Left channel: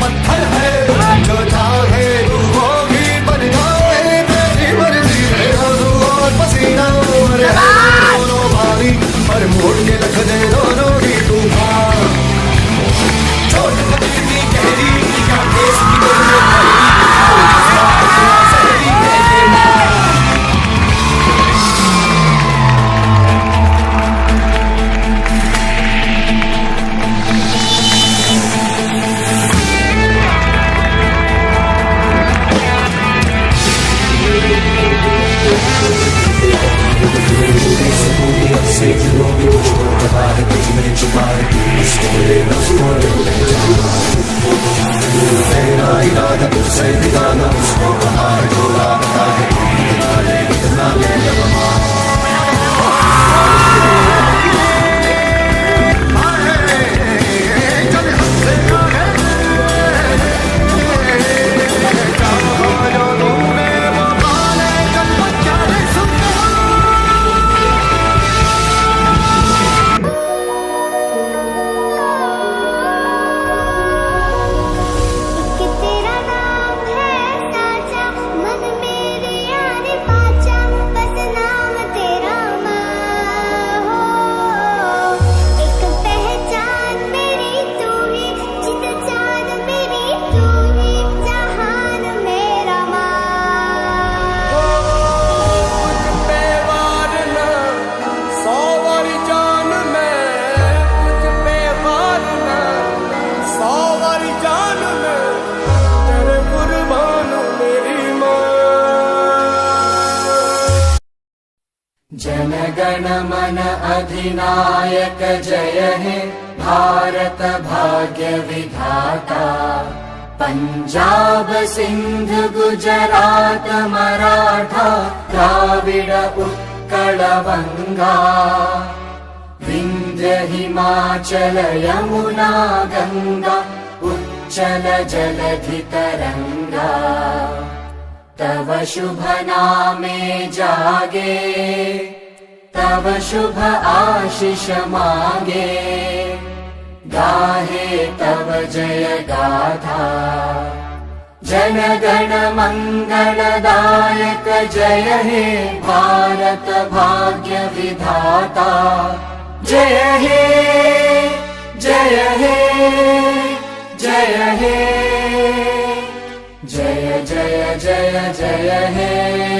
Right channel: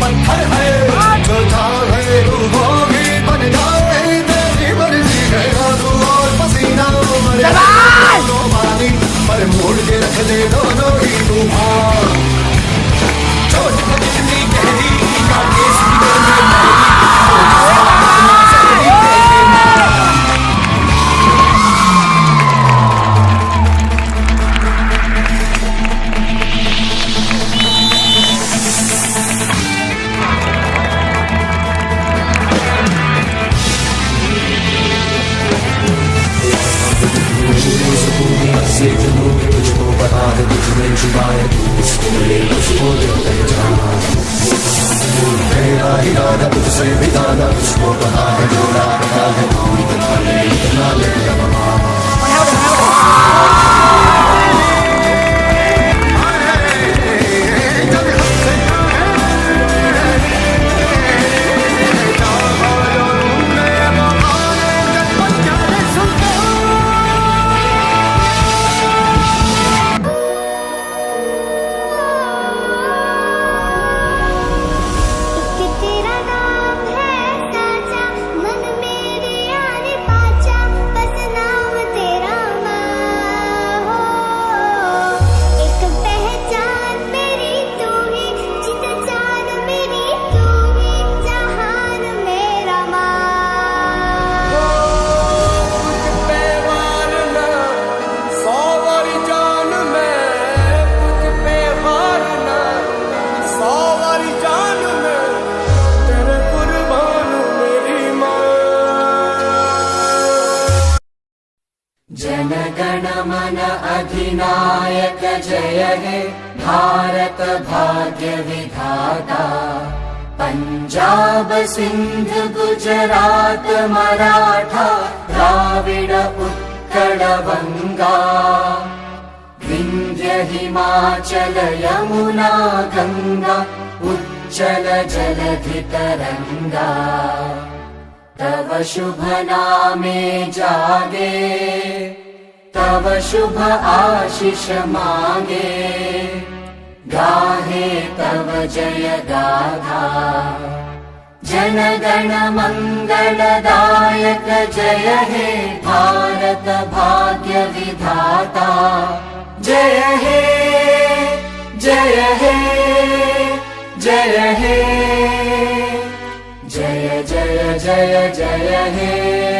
पत्थर है जो चाहे तू वो भी बन जाए, तेरी मर्जी है आंसू और पसीना और है दोनों बारी पर मोड़ के रख दे दोनों ही तूफान। चोट कितनी गहरी का केस की दिल में महरी, तो जज्बा इतना सहरी है ये मां। से जुनूनी मुझको पता है तुझमें छुपा है, उसको ले पहचान। मेरा इरादा तुझसे बिताना, उसको पता है जो रास्ता है, इतना ले अब अधिनायक जय हे भारत भाग्य विधाता। पंजाब सिंध गुजरात मराठा द्राविड उत्कल बंगा, विंध्य हिमाचल यमुना गंगा उच्चल जलधि तरंगा। तव शुभ नामे जागे, तव शुभ आशीष मांगे, गाहे तव जय गाथा। जन गण मंगलदायक जय हे भारत भाग्य विधाता। जय हे जय हे जय हे, जय जय जय जय हे।